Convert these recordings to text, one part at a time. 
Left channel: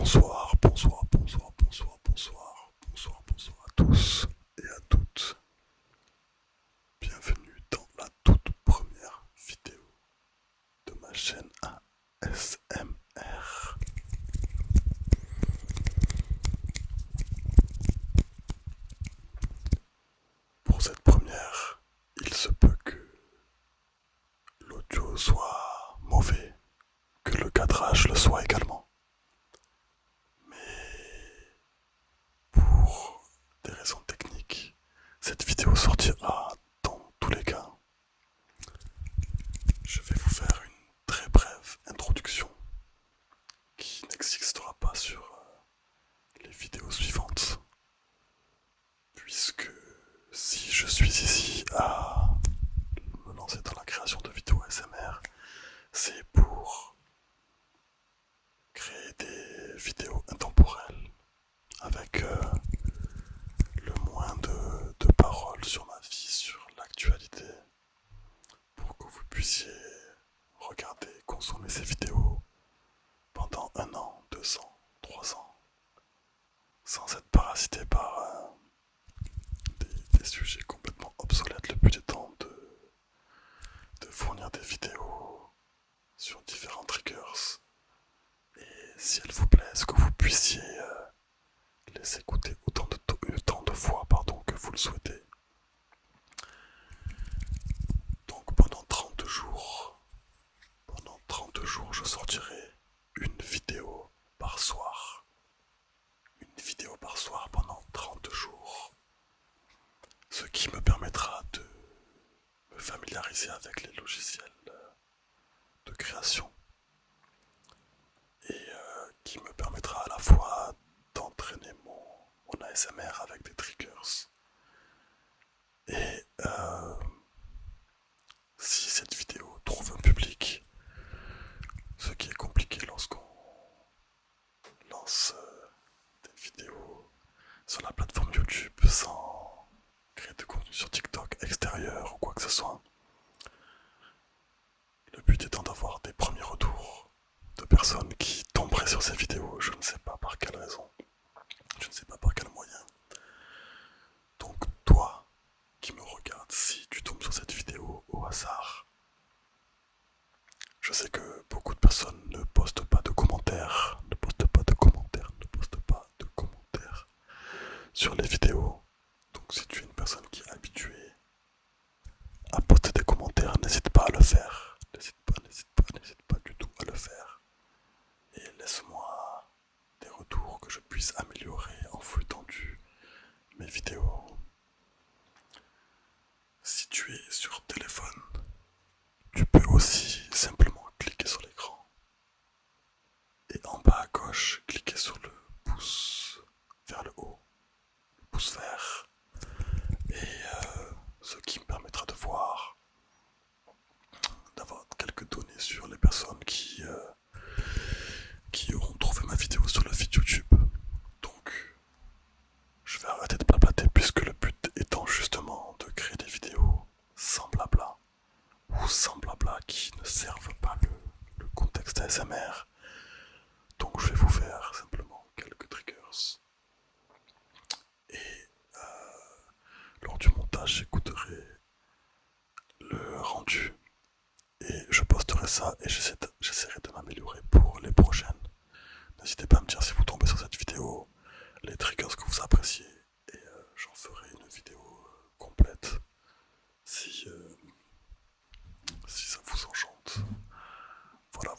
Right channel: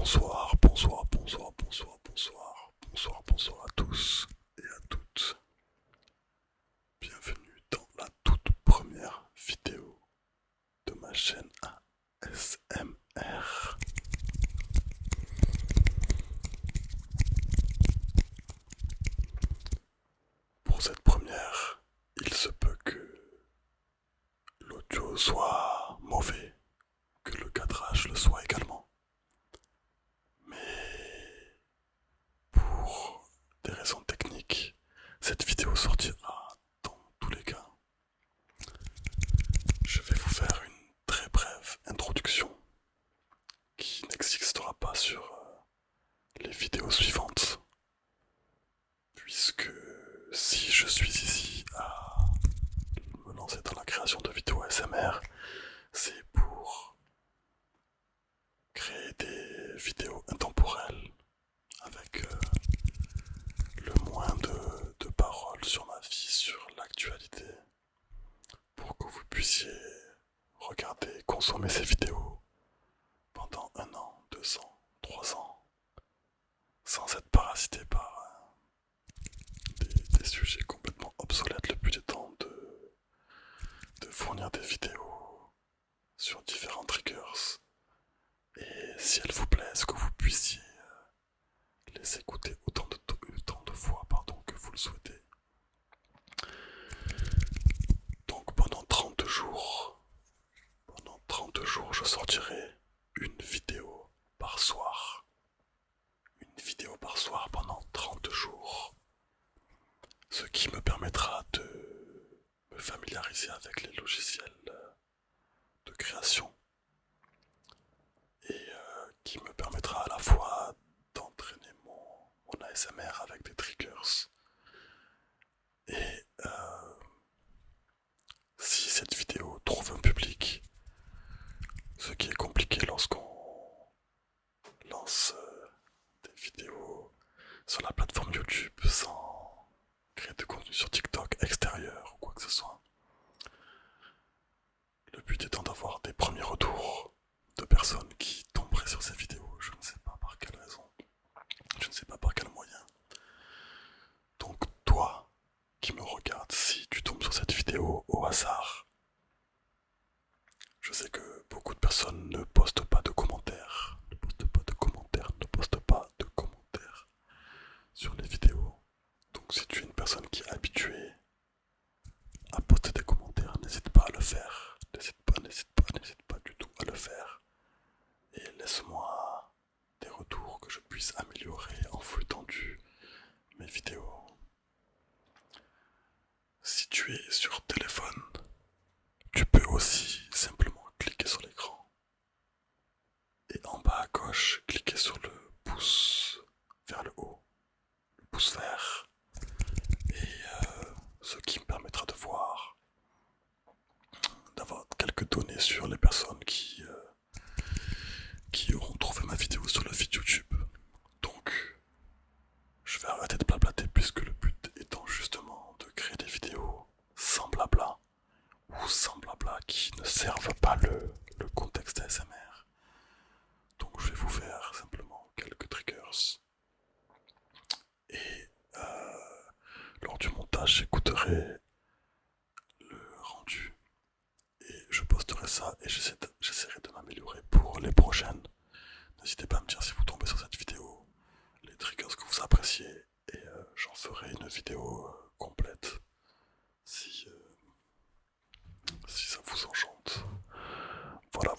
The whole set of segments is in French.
Bonsoir, bonsoir, bonsoir, bonsoir, bonsoir, bonsoir, bonsoir à tous et à toutes. Bienvenue dans la toute première vidéo de ma chaîne ASMR. Pour cette première, il se peut que l'audio soit mauvais, que le cadrage le soit également. Mais pour des raisons techniques, cette vidéo sortira dans tous les cas. Je vais vous faire une très brève introduction qui n'existera pas sur les vidéos suivantes. Puisque si je suis ici à me lancer dans la création de vidéos ASMR, c'est pour créer des vidéos intemporelles avec le moins de paroles sur ma vie, sur l'actualité, pour que vous puissiez regarder, consommer ces vidéos pendant 1 an, 2 ans, 3 ans, sans être parasité par des sujets complètement obsolètes. Le but étant de fournir des vidéos sur différents triggers, et si elles vous plaisent, que vous puissiez les écouter autant de fois que vous le souhaitez. Donc pendant 30 jours, je sortirai une vidéo par soir. Une vidéo par soir pendant 30 jours. Ce qui me permettra de me familiariser avec les logiciels de création. Et qui me permettra à la fois d'entraîner mon ASMR avec des triggers. Et si cette vidéo trouve un public, ce qui est compliqué lorsqu'on lance des vidéos sur la plateforme YouTube sans créer de contenu sur TikTok extérieur ou quoi que ce soit. Le but étant d'avoir des premiers retours de personnes qui tomberaient sur ces vidéos, je ne sais pas par quelle raison, je ne sais pas par quel moyen. Donc toi qui me regardes, si tu tombes sur cette vidéo au hasard, je sais que beaucoup de personnes ne postent pas de commentaires, ne postent pas de commentaires, ne postent pas de commentaires sur les vidéos. Donc si tu es une personne qui est habituée à poster des commentaires, n'hésite pas à le faire. N'hésite pas du tout à le faire. Et laisse-moi des retours que je puisse améliorer en flux tendu mes vidéos. Si tu es sur téléphone, tu peux aussi simplement cliquer sur l'écran et en bas à gauche, cliquer sur le pouce vers le haut, le pouce vert, et ce qui me permettra de voir, d'avoir quelques données sur les personnes qui auront trouvé ma vidéo sur le feed YouTube. Donc, je vais arrêter de blablater puisque le but étant justement de créer des vidéos sans blabla ou sans blabla qui ne servent pas le contexte ASMR. Donc je vais vous faire simplement quelques triggers. Et lors du montage, j'écouterai le rendu et je posterai ça et j'essaierai de m'améliorer pour les prochaines. N'hésitez pas à me dire si vous tombez sur cette vidéo, les triggers que vous appréciez, et j'en ferai une vidéo complète si ça vous enchante. Voilà.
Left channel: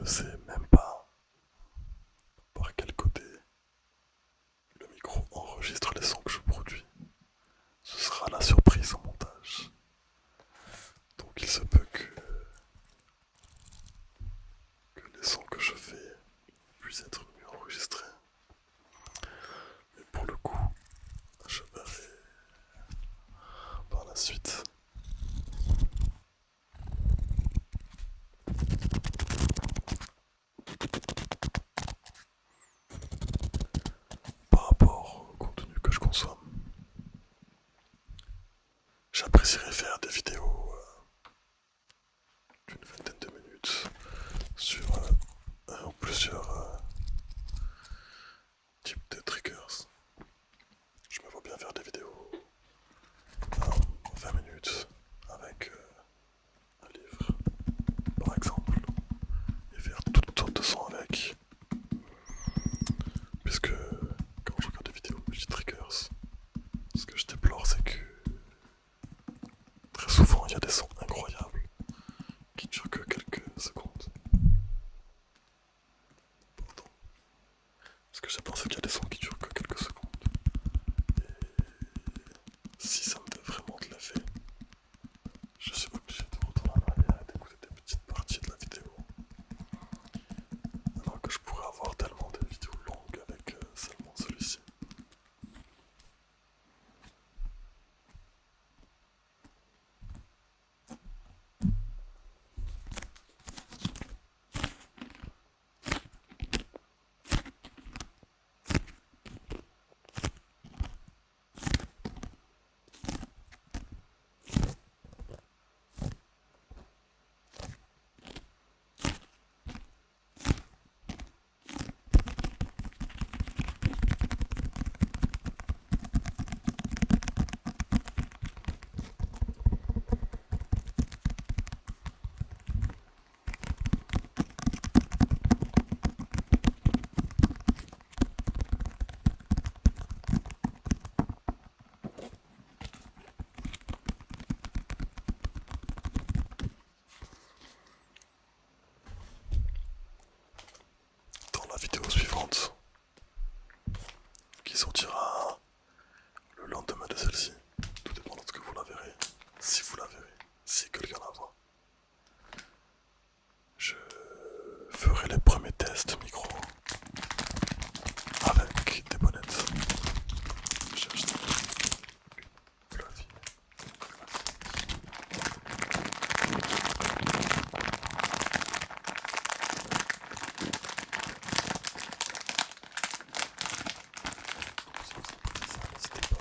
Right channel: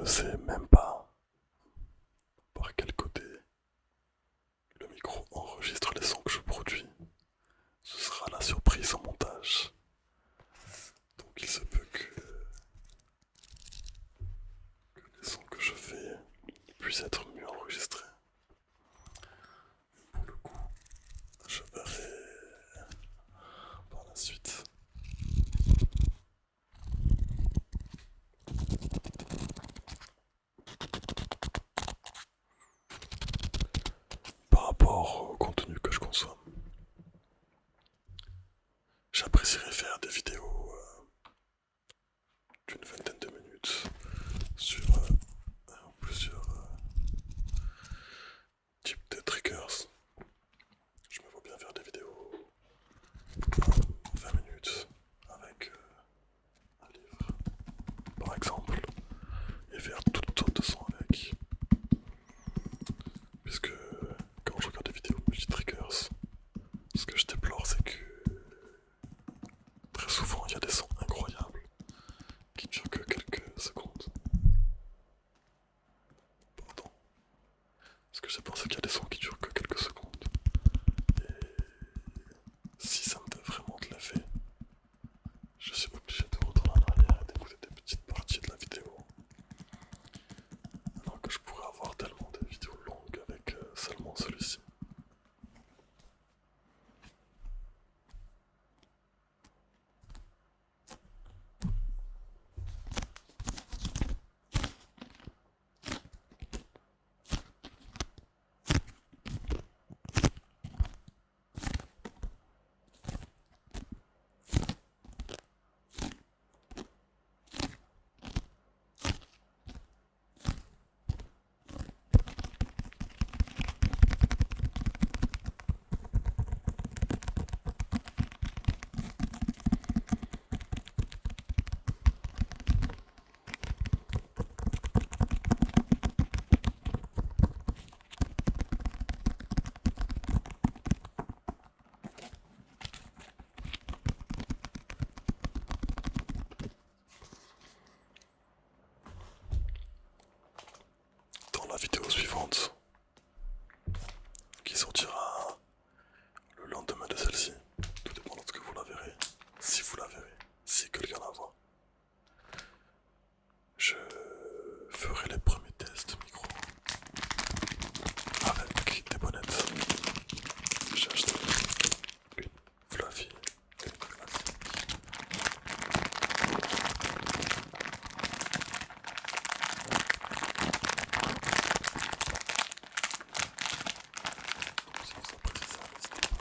ne sais même pas par quel côté le micro enregistre les sons que je produis. Ce sera la surprise au montage. Donc il se peut que les sons que je fais puissent être mieux enregistrés. Mais pour le coup, je verrai par la suite. Par rapport au contenu que je consomme, j'apprécierais faire des vidéos d'une vingtaine de minutes sur plusieurs types de triggers. Je me vois bien faire des vidéos 20 minutes avec un livre, par exemple, et faire toutes sortes de sons avec. Puisque quand je regarde des vidéos multi-triggers, ce que je déplore, c'est que très souvent il y a des sons incroyables qui durent que quelques secondes. Pardon. Ce que j'ai pensé qu'il y a des sons qui durent que quelques secondes. Et si ça me fait vraiment de l'effet, je suis obligé de retourner en arrière et d'écouter des petites parties de la vidéo. Alors que je pourrais avoir tellement de vidéos longues avec seulement celui-ci. Dans la vidéo suivante, qui sortira le lendemain de celle-ci, tout dépend de ce que vous la verrez, si vous la verrez, si quelqu'un la voit, je ferai les premiers tests micro avec des bonnettes. J'ai acheté une Fluffy, une classique. Si vous appréciez ça, n'hésitez pas.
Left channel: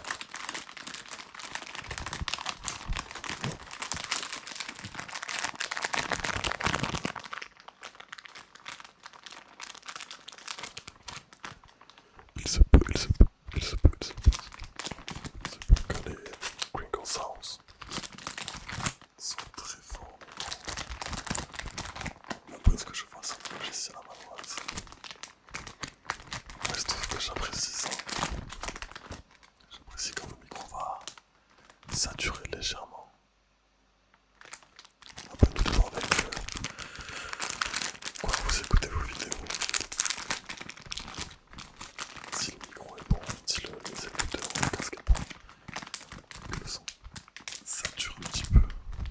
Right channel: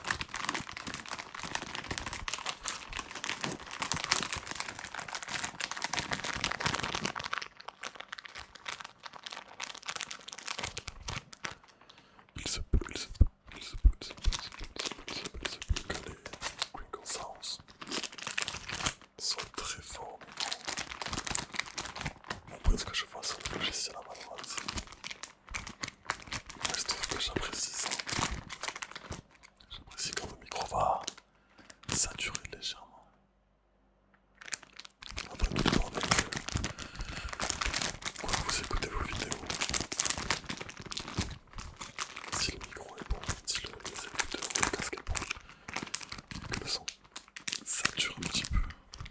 Il se peut, il se peut, il se peut, il se peut, il se peut, il se peut que les Crinkle Sounds soient très forts. Après ce que je vois sur le logiciel à ma droite, moi je trouve que j'apprécie ça. J'apprécie quand le micro va saturer légèrement. Après tout dépend avec quoi vous écoutez vos vidéos. Si le micro est bon, si les écouteurs ou le casque est bon, et que le son sature un petit peu,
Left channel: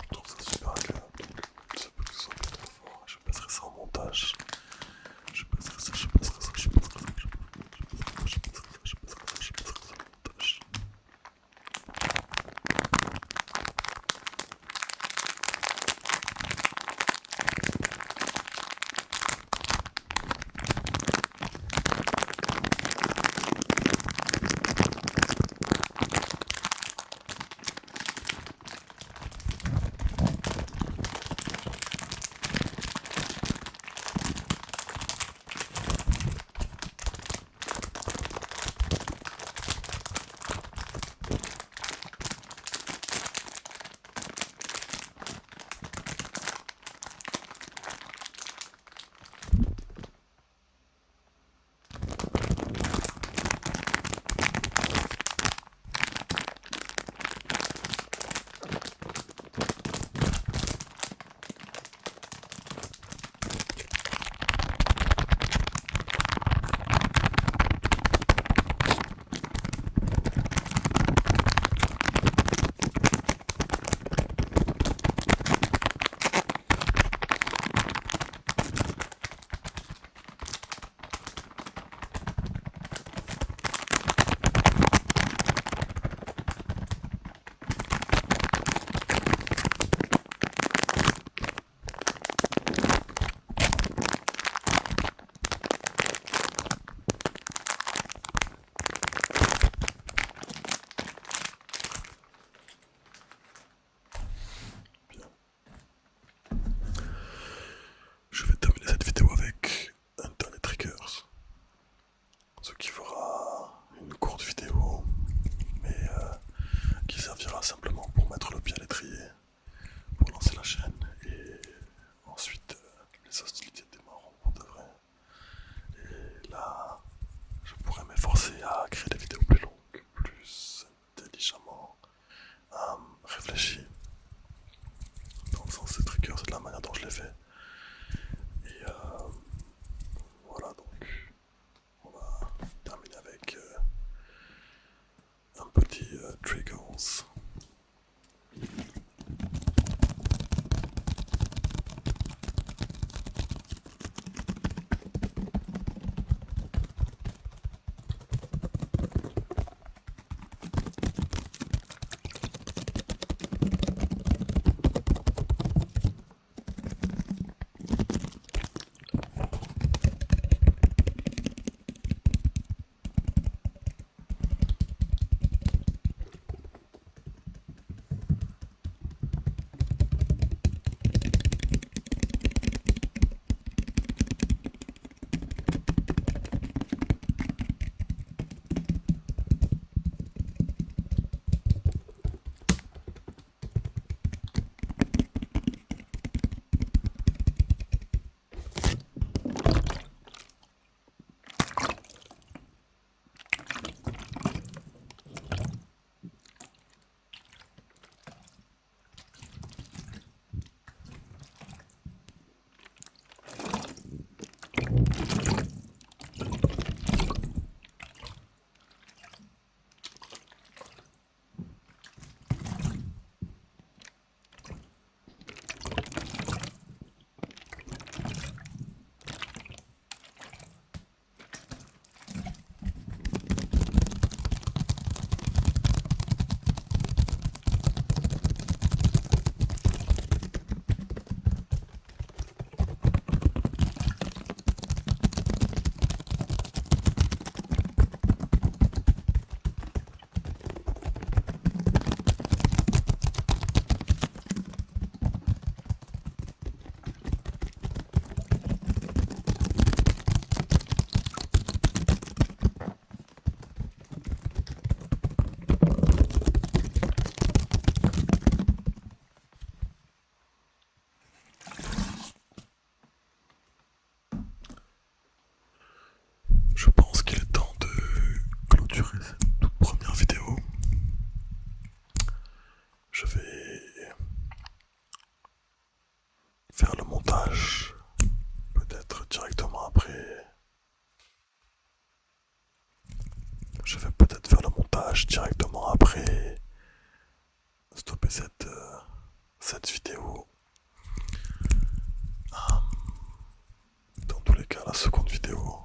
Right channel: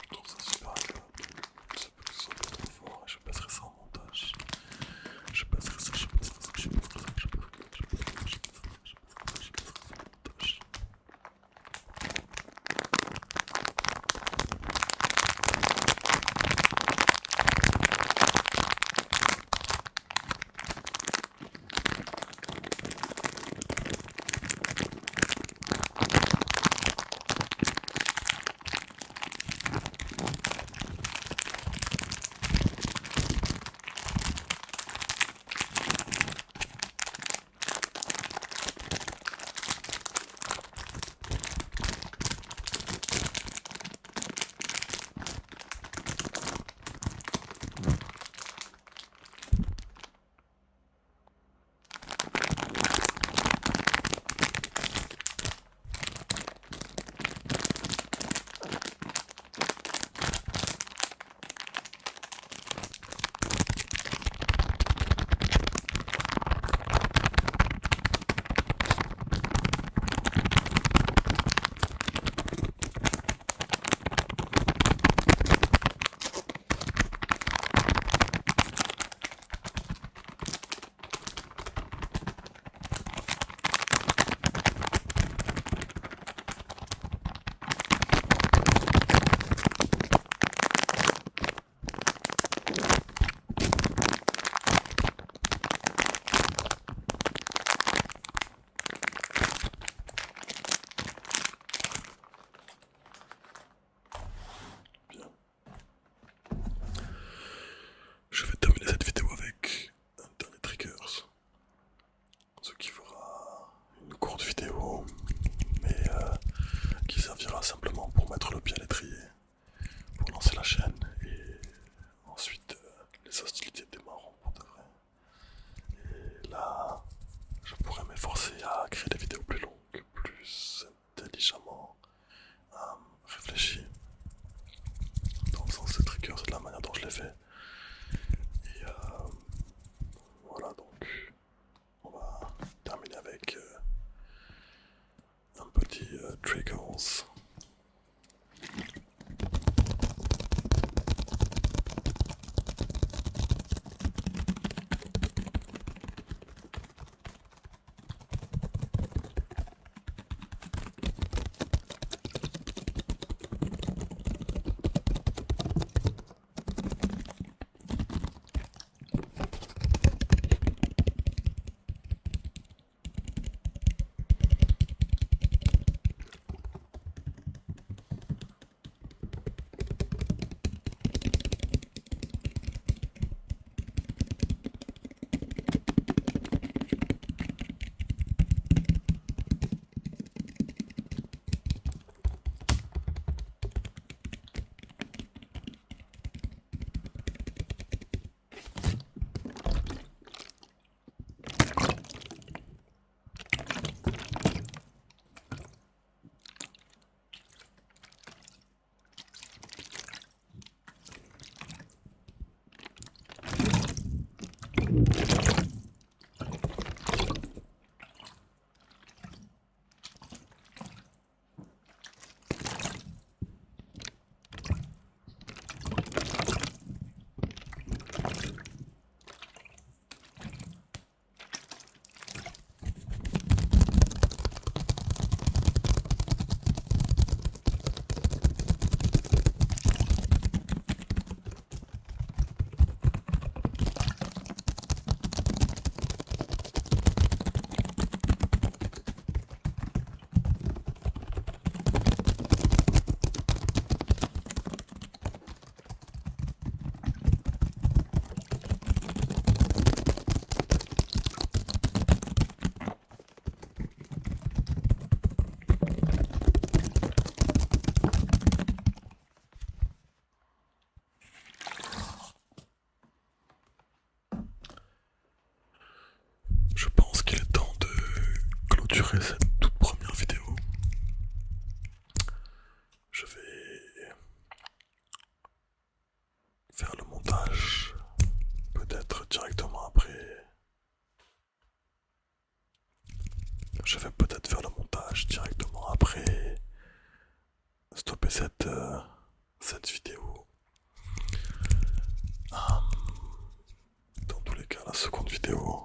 je trouve ça super agréable. Donc il se peut que ce soit bien trop fort et je passerai ça en montage. Je passerai ça, je passerai ça, je passerai ça, je passerai ça, je passerai ça, je passerai ça, je passerai ça en montage. intelligemment réfléchi. Dans le sens des triggers, c'est de la manière dont je l'ai fait. Et voilà, donc on va terminer avec un petit triggers. Je pense qu'il est temps de clôturer cette toute première vidéo. Je vais faire le montage, peut-être directement après. Je vais peut-être faire le montage directement après stopper cette vidéo. Dans tous les cas, la seconde vidéo